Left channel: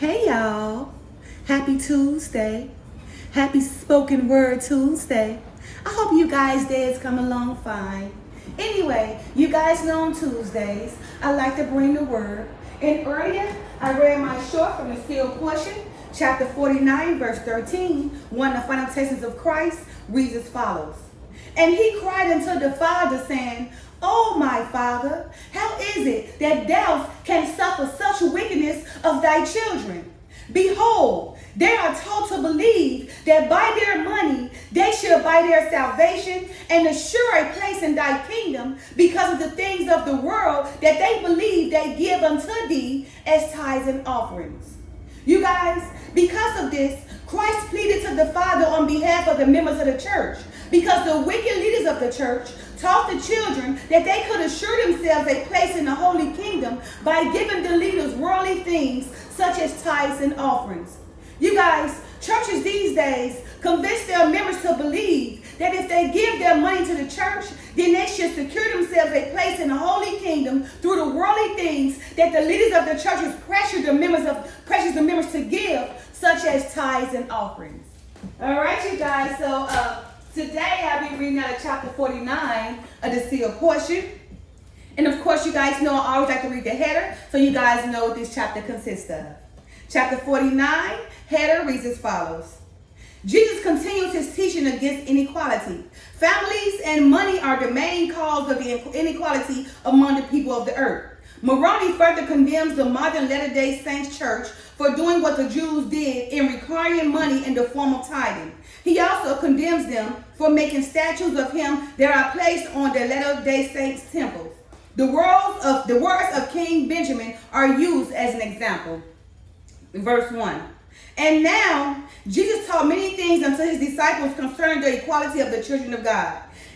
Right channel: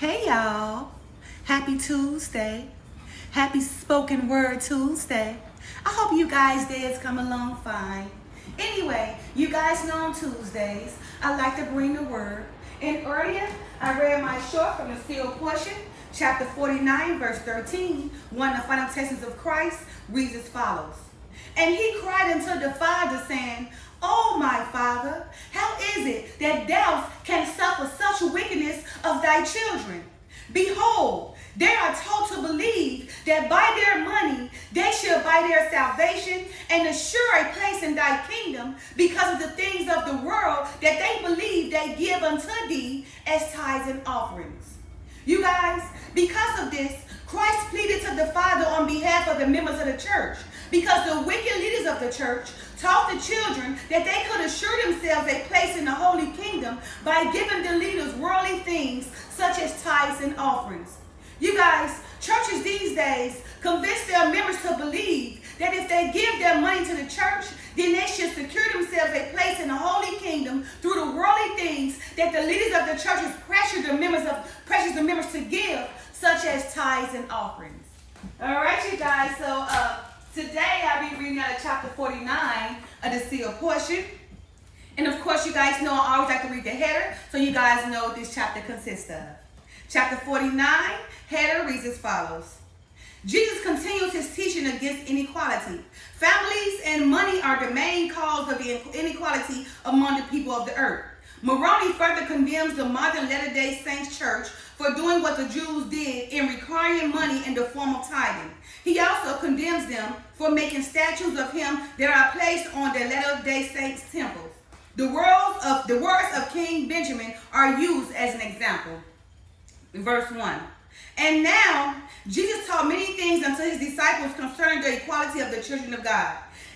Hey y'all, happy Tuesday, happy spoken word Tuesday. I hope you guys' days come along fine. Anyway, you guys know on Tuesdays, I like to bring the word. And earlier, I read my short from the field portion, chapter 49, verse 13. One of the final texts of Christ reads as follows. And he cried unto the Father, saying, "O my Father, how is it that thou canst suffer such wickedness of thy children? Behold, they are taught to believe that by their money they shall buy their salvation and assure a place in thy kingdom because of the things of the world that they believe they give unto thee as tithes and offerings." You guys, because of this, Christ pleaded to the Father on behalf of the members of the church, because the wicked leaders of the church taught the children that they could assure themselves a place in the holy kingdom by giving the leaders worldly things such as tithes and offerings. You guys, churches these days convince their members to believe that if they give their money to the church, then they should secure themselves a place in the holy kingdom through the worldly things that the leaders of the churches pressure the members to give, such as tithes and offerings. All right, you guys. So today I'll be reading out of chapter 49 of the sealed portion. And of course, you guys know I always like to read the header, so you guys know what this chapter consists of. Chapter 49, header reads as follows. Jesus continues his teaching against inequality. Families and money are the main cause of the inequality among the people of the earth. Moroni further condemns the modern Latter-day Saints church for doing what the Jews did in requiring money in the form of tithing. He also condemns them for making statues of him that are placed on the Latter-day Saints temples. The words of King Benjamin are used as an example. Verse 1. And now Jesus taught many things unto his disciples concerning the equality of the children of God.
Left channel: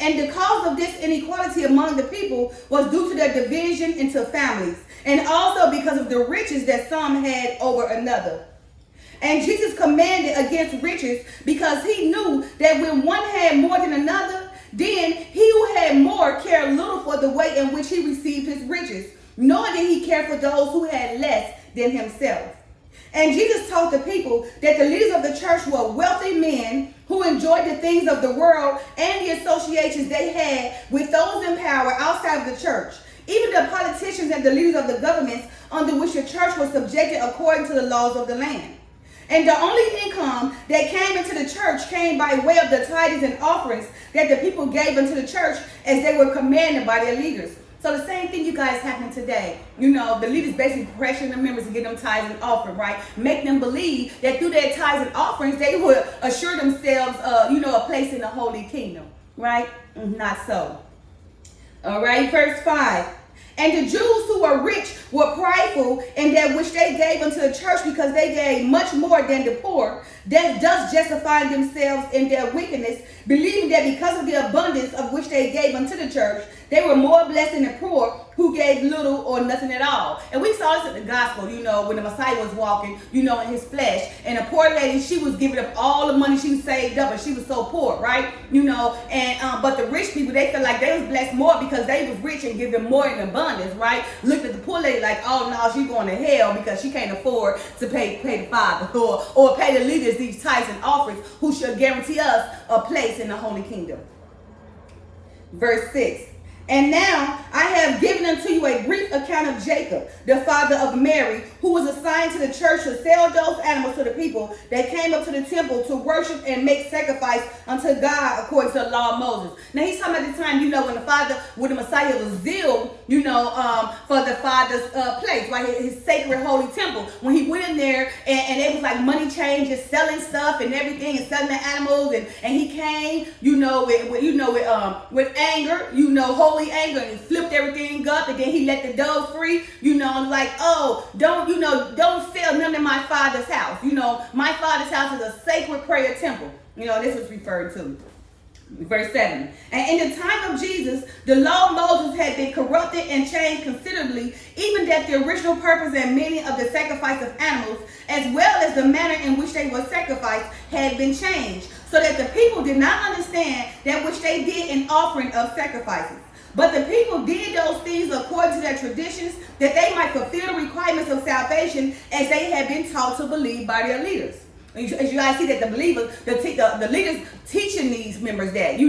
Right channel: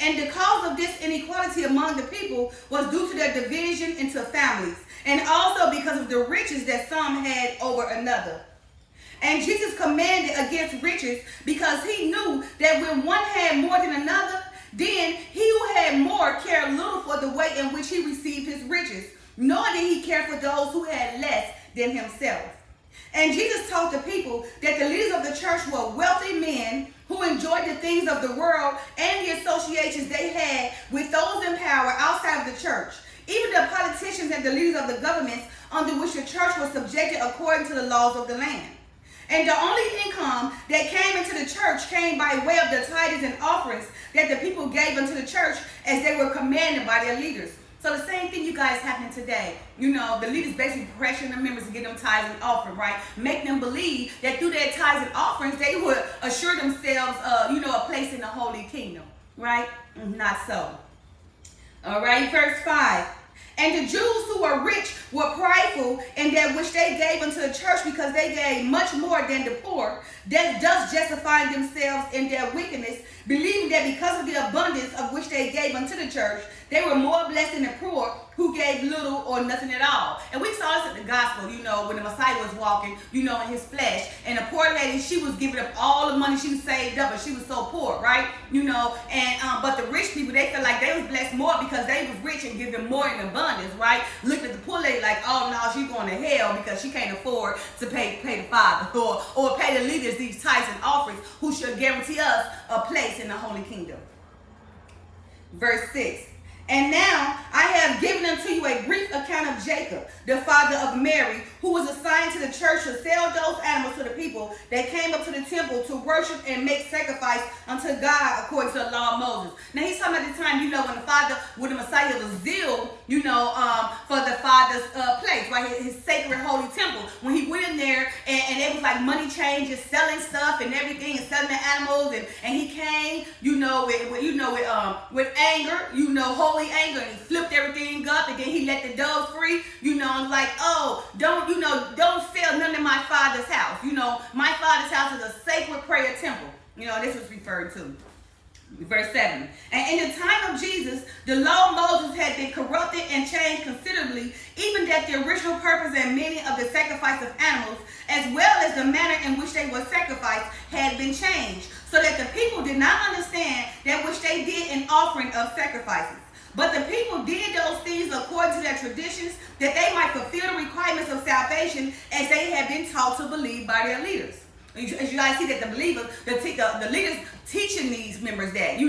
And the cause of this inequality among the people was due to their division into families, and also because of the riches that some had over another. And Jesus commanded against riches because he knew that when one had more than another, then he who had more cared little for the way in which he received his riches, nor did he care for those who had less than himself. And Jesus taught the people that the leaders of the church were wealthy men who enjoyed the things of the world and the associations they had with those in power outside of the church, even the politicians and the leaders of the governments under which the church was subjected according to the laws of the land. And the only income that came into the church came by way of the tithes and offerings that the people gave unto the church as they were commanded by their leaders. So the same thing you guys happening today. You know, the leaders basically pressuring the members to get them tithes and offering, right? Make them believe that through their tithes and offerings, they would assure themselves, a place in the holy kingdom, right? Not so. All right, verse 5. And the Jews who were rich were prideful in that which they gave unto the church, because they gave much more than the poor, thus justifying themselves in their wickedness, believing that because of the abundance of which they gave unto the church, they were more blessed than the poor, who gave little or nothing at all. And we saw this in the gospel, when the Messiah was walking, in his flesh. And a poor lady, she was giving up all the money she saved up, and she was so poor, right? But the rich people, they felt like they was blessed more because they was rich and give them more in abundance, right? Looked at the poor lady like, oh no, she's going to hell because she can't afford to pay the Father or pay the leaders these tithes and offerings who should guarantee us a place in the holy kingdom. Verse 6. And now I have given unto you a brief account of Jacob, the father of Mary, who was assigned to the church to sell those animals to the people that came up to the temple to worship and make sacrifice unto God according to the law of Moses. Now he's talking about the time, when the Messiah was zeal, for the Father's place, right? His sacred holy temple. When he went in there and it was like money changers, selling stuff and everything, and selling the animals, and he came, with anger, holy anger, and he flipped everything up, and then he let the doves free, and like, oh, don't sell none in my Father's house. My Father's house is a sacred prayer temple. This was referred to. Verse 7. And in the time of Jesus, the law of Moses had been corrupted and changed considerably, even that the original purpose and meaning of the sacrifice of animals, as well as the manner in which they were sacrificed, had been changed, so that the people did not understand that which they did in offering of sacrifices. But the people did those things according to their traditions, that they might fulfill the requirements of salvation as they had been taught to believe by their leaders. As you guys see that the believers, the leaders teaching these members that,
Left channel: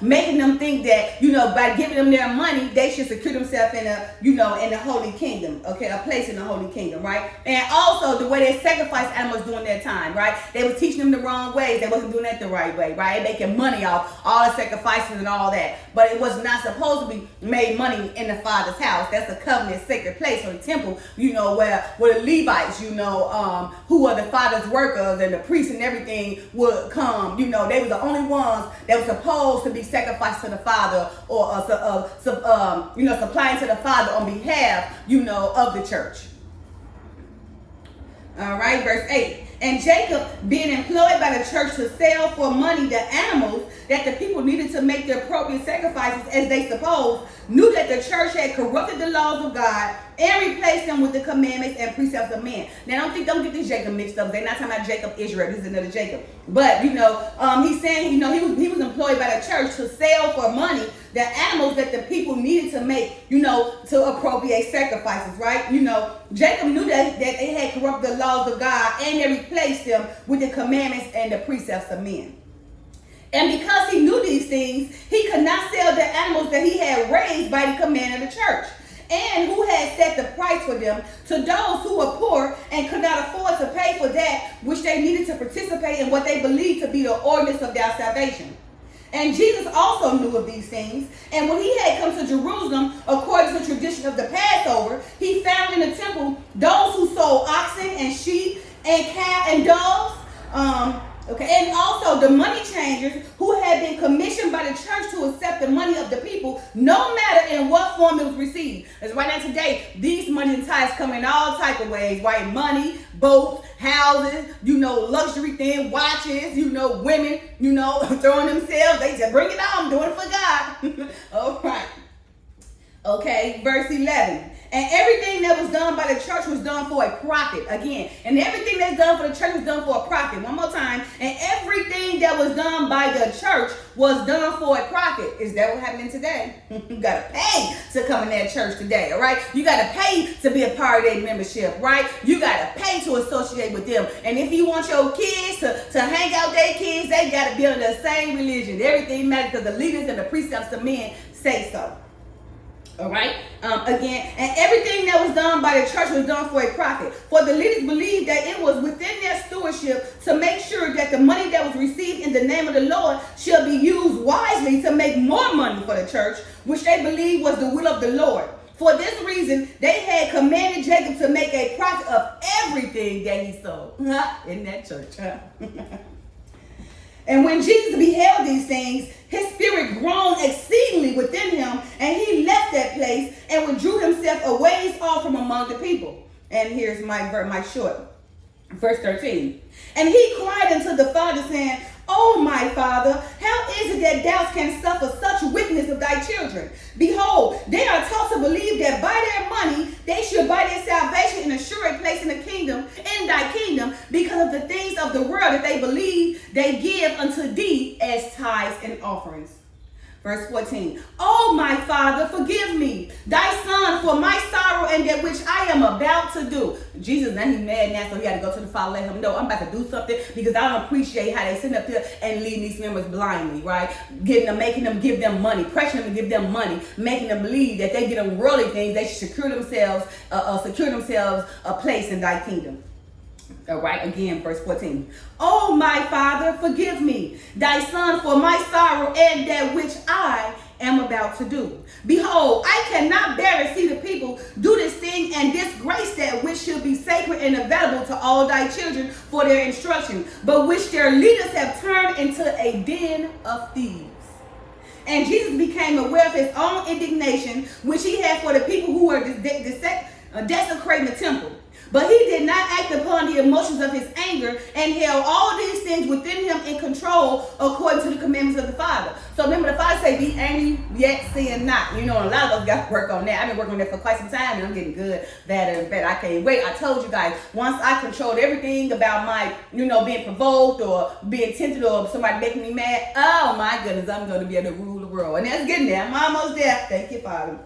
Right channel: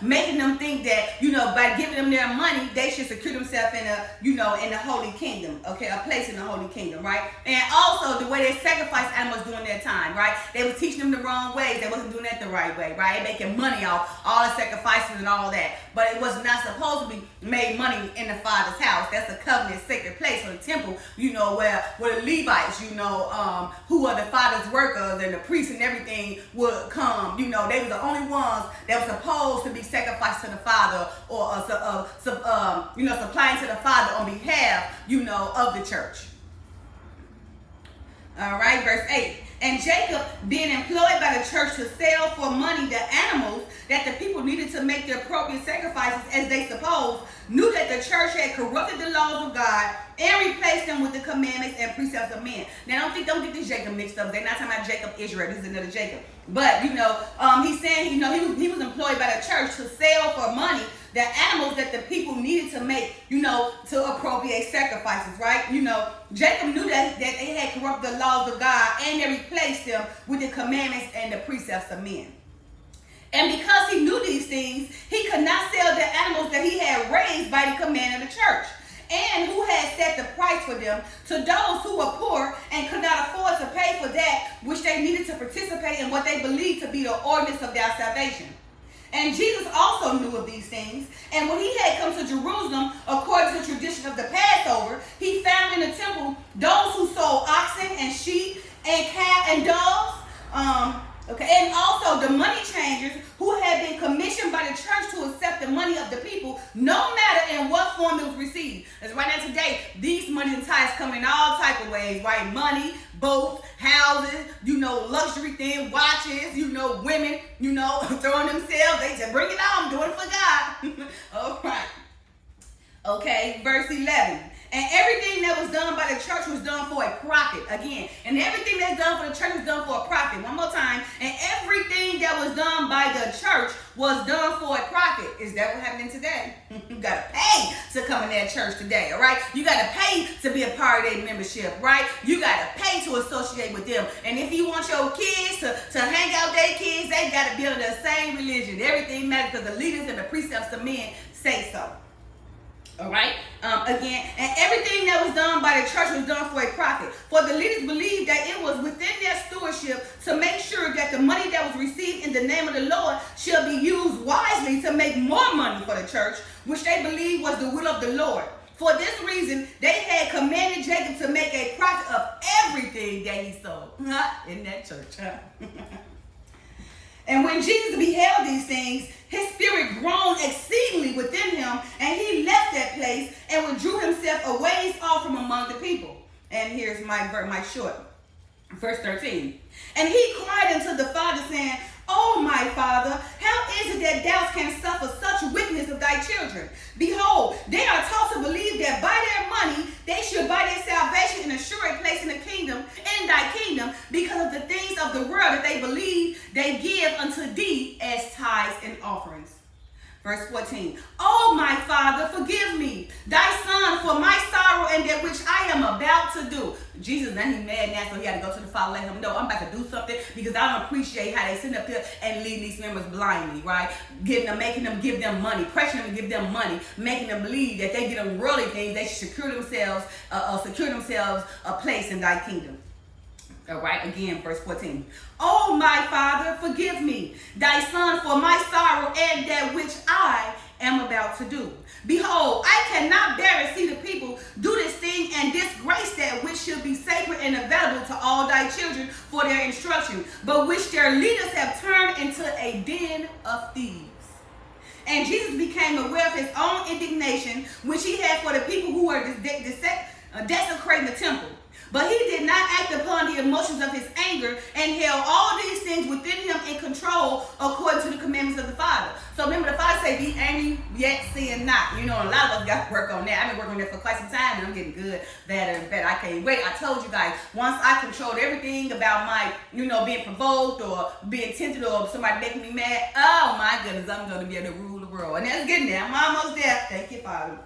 making them think that, by giving them their money, they should secure themselves in in the holy kingdom, okay, a place in the holy kingdom, right? And also the way they sacrificed animals during that time, right? They were teaching them the wrong ways. They wasn't doing that the right way, right? Making money off all the sacrifices and all that. But it was not supposed to be made money in the Father's house. That's a covenant sacred place, or the temple, where the Levites, who are the Father's workers, and the priests and everything would come. They were the only ones that were supposed to be sacrificed to the Father, or supplying to the Father on behalf, of the church. All right, verse 8. And Jacob, being employed by the church to sell for money the animals that the people needed to make the appropriate sacrifices, as they supposed, knew that the church had corrupted the laws of God and replaced them with the commandments and precepts of men. Now, don't get this Jacob mixed up. They're not talking about Jacob Israel. This is another Jacob. But, he's saying, he was employed by the church to sell for money the animals that the people needed to make, to appropriate sacrifices, right? Jacob knew that they had corrupted the laws of God, and they replaced them with the commandments and the precepts of men. And because he knew these things, he could not sell the animals that he had raised by the command of the church, and who had set the price for them, to those who were poor and could not afford to pay for that which they needed to participate in what they believed to be the ordinance of their salvation. And Jesus also knew of these things. And when he had come to Jerusalem, according to the tradition of the Passover, he found in the temple those who sold oxen and sheep and calves and doves. And also the money changers who had been commissioned by the church to accept the money of the people, no matter in what form it was received. As right now today, these money and tithes come in all type of ways, right? Money, boats, houses, luxury things, watches, women, throwing themselves. They just bring it on, doing it for God. All right. Okay, verse 11. And everything that was done by the church was done for a profit. Again, and everything that's done for the church was done for a profit. One more time. And everything that was done by the church was done for a profit. Is that what's happening today? You got to pay to come in that church today, all right? You got to pay to be a part of their membership, right? You got to pay to associate with them. And if you want your kids to hang out with their kids, they got to be under the same religion. Everything matters because the leaders and the precepts of men say so. All right. Again, and everything that was done by the church was done for a profit. For the leaders believed that it was within their stewardship to make sure that the money that was received in the name of the Lord shall be used wisely to make more money for the church, which they believed was the will of the Lord. For this reason, they had commanded Jacob to make a profit of everything that he sold in that church. And when Jesus beheld these things, his spirit groaned exceedingly within him, and he left that place and withdrew himself a ways off from among the people. And here's my short, verse 13. And he cried unto the Father, saying, O my Father, how is it that thou canst suffer such wickedness of thy children? Behold, they are taught to believe that by their money they should buy their salvation and assure a place in the kingdom, in thy kingdom, because of the things of the world that they believe they give unto thee as tithes and offerings. Verse 14. Oh, my Father, forgive me, thy son, for my sorrow and that which I am about to do. Jesus, now he's mad now, so he had to go to the Father, let him know, I'm about to do something, because I don't appreciate how they sit up here and lead these members blindly, right? Making them give them money, pressuring them to give them money, making them believe that they get them worldly things, they should secure themselves a place in thy kingdom. All right, again, verse 14. Oh, my Father, forgive me, thy son, for my sorrow and that which I am about to do. Behold, I cannot bear to see the people do this thing and disgrace that which should be sacred and available to all thy children for their instruction, but which their leaders have turned into a den of thieves. And Jesus became aware of his own indignation, which he had for the people who were desecrating the temple. But he did not act upon the the emotions of his anger and held all these things within him in control according to the commandments of the Father. So remember, the Father say, be angry, yet sin not. You know, and a lot of us got to work on that. I've been working on that for quite some time, and I'm getting good, better, and better. I can't wait. I told you guys, once I controlled everything about my, being provoked or being tempted or somebody making me mad, oh my goodness, I'm going to be able to rule the world. And that's getting there. I'm almost there. Thank you, Father.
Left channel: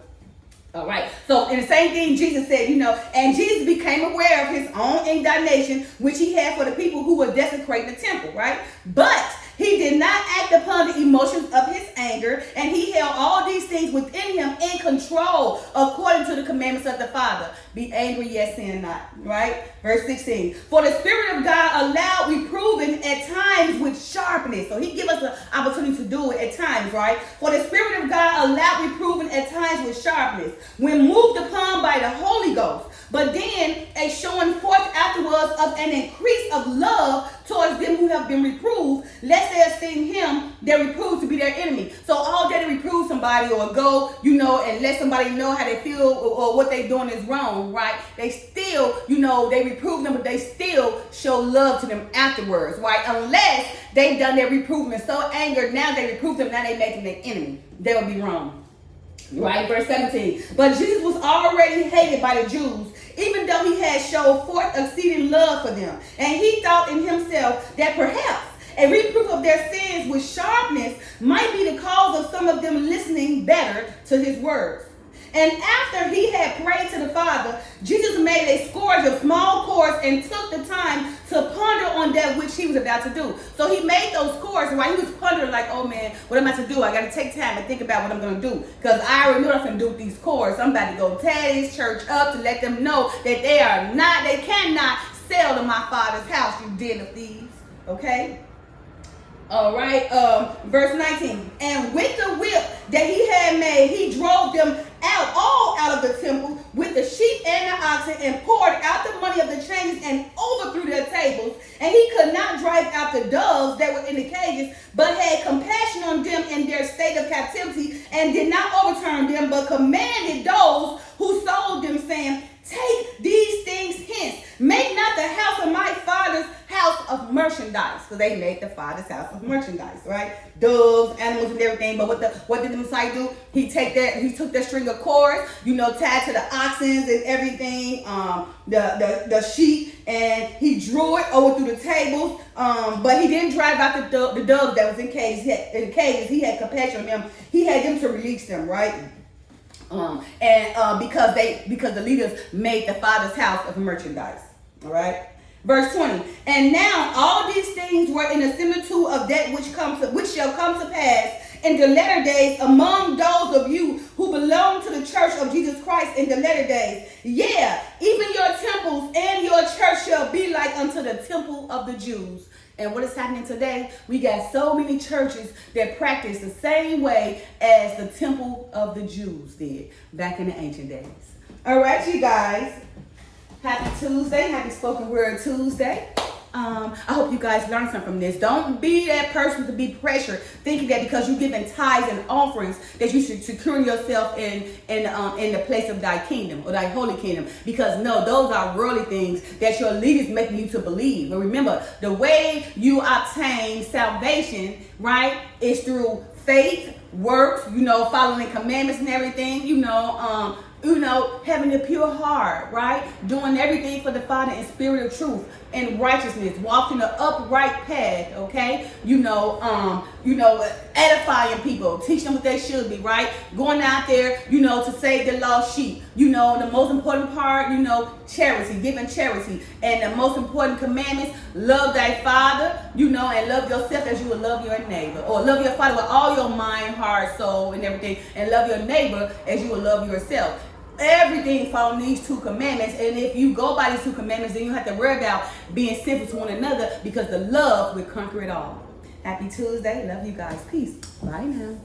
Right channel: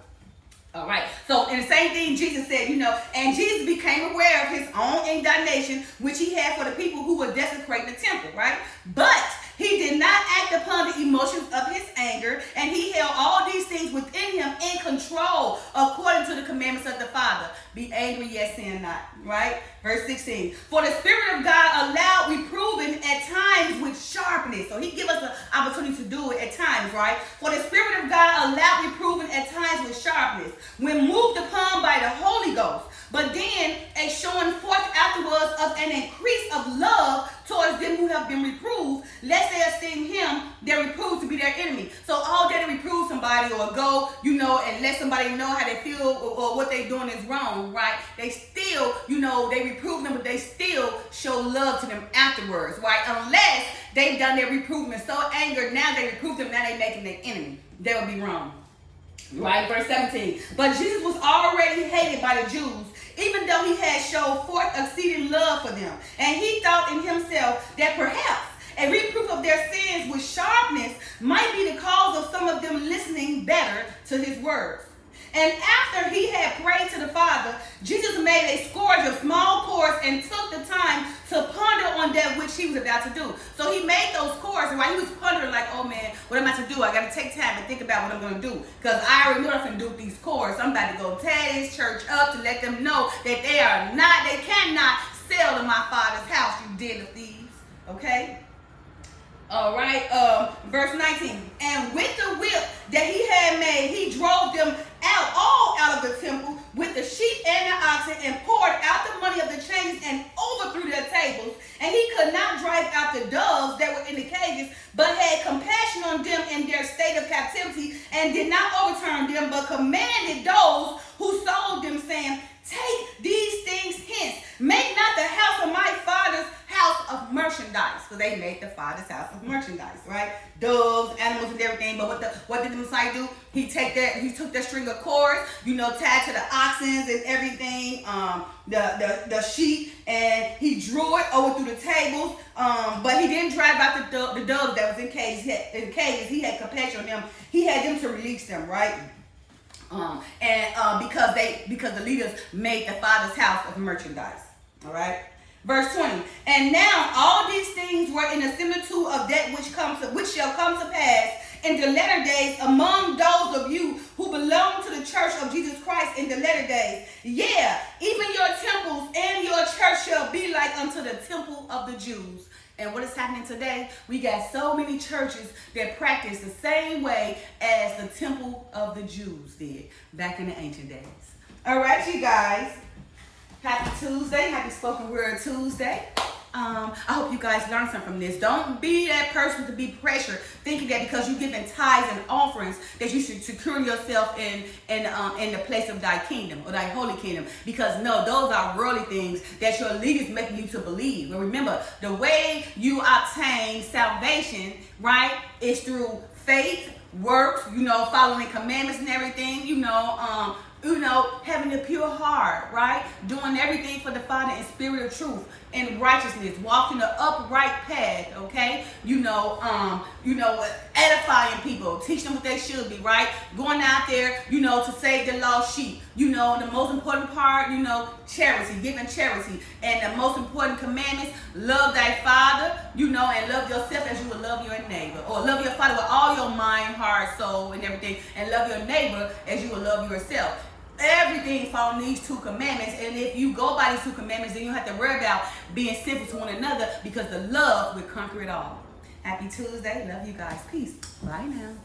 All right. So, in the same thing Jesus said, and Jesus became aware of his own indignation, which he had for the people who were desecrating the temple, right? But he did not act upon the emotions of his anger, and he held all these things within him in control according to the commandments of the Father. Be angry, yet sin not, right? Verse 16. For the Spirit of God allowed reproving at times with sharpness. So he give us the opportunity to do it at times, right? For the Spirit of God allowed reproving at times with sharpness, when moved upon by the Holy Ghost. But then a showing forth afterwards of an increase of love towards them who have been reproved, lest they esteem him that reproves to be their enemy. So all day to reprove somebody or go, and let somebody know how they feel or what they doing is wrong, right? They still, they reprove them, but they still show love to them afterwards, right? Unless they've done their reprovement so angered, now they reprove them, now they making their enemy. They will be wrong. Right, verse 17. But Jesus was already hated by the Jews, even though he had showed forth exceeding love for them. And he thought in himself that perhaps a reproof of their sins with sharpness might be the cause of some of them listening better to his words. And after he had prayed to the Father, Jesus made a scourge of small cords and took the time to ponder on that which he was about to do. So he made those cords, and while he was pondering like, oh man, what am I to do? I got to take time and think about what I'm going to do. Because I already know I can do these cords. I'm about to go tear this church up to let them know that they cannot sell to my Father's house, you den of thieves. Okay? All right, verse 19. And with the whip that he had made, he drove them all out of the temple with the sheep and the oxen, and poured out the money of the changes and overthrew their tables. And he could not drive out the doves that were in the cages, but had compassion on them in their state of captivity, and did not overturn them, but commanded those who sold them, saying, take these things hence. Make not the house of my Father's house of merchandise. So they made the Father's house of merchandise, right? Doves, animals, and everything. But what did the Messiah do? He took that string of cords, tied to the oxen and everything, the sheep, and he drew it over through the tables. But he didn't drive out the doves that was in cages. He had compassion on them. He had them to release them, right? Because the leaders made the Father's house of merchandise. All right. Verse 20. And now all these things were in the similitude of that which shall come to pass in the latter days among those of you who belong to the church of Jesus Christ in the latter days. Yeah, even your temples and your church shall be like unto the temple of the Jews. And what is happening today? We got so many churches that practice the same way as the temple of the Jews did back in the ancient days. All right, you guys. Happy Tuesday. Happy Spoken Word Tuesday. I hope you guys learned something from this. Don't be that person to be pressured, thinking that because you're giving tithes and offerings that you should secure yourself in the place of thy kingdom or thy holy kingdom. Because no, those are worldly things that your leaders making you to believe. But remember, the way you obtain salvation, right, is through faith, works, following commandments and everything, having a pure heart, right? Doing everything for the Father in spirit of truth and righteousness, walking the upright path, okay? Edifying people, teaching them what they should be, right? Going out there, to save the lost sheep. The most important part, charity, giving charity. And the most important commandments, love thy Father, and love yourself as you would love your neighbor. Or love your Father with all your mind, heart, soul, and everything. And love your neighbor as you would love yourself. Everything following these two commandments, and if you go by these two commandments, then you have to worry about being sinful to one another, because the love will conquer it all. Happy Tuesday. Love you guys. Peace. Bye now.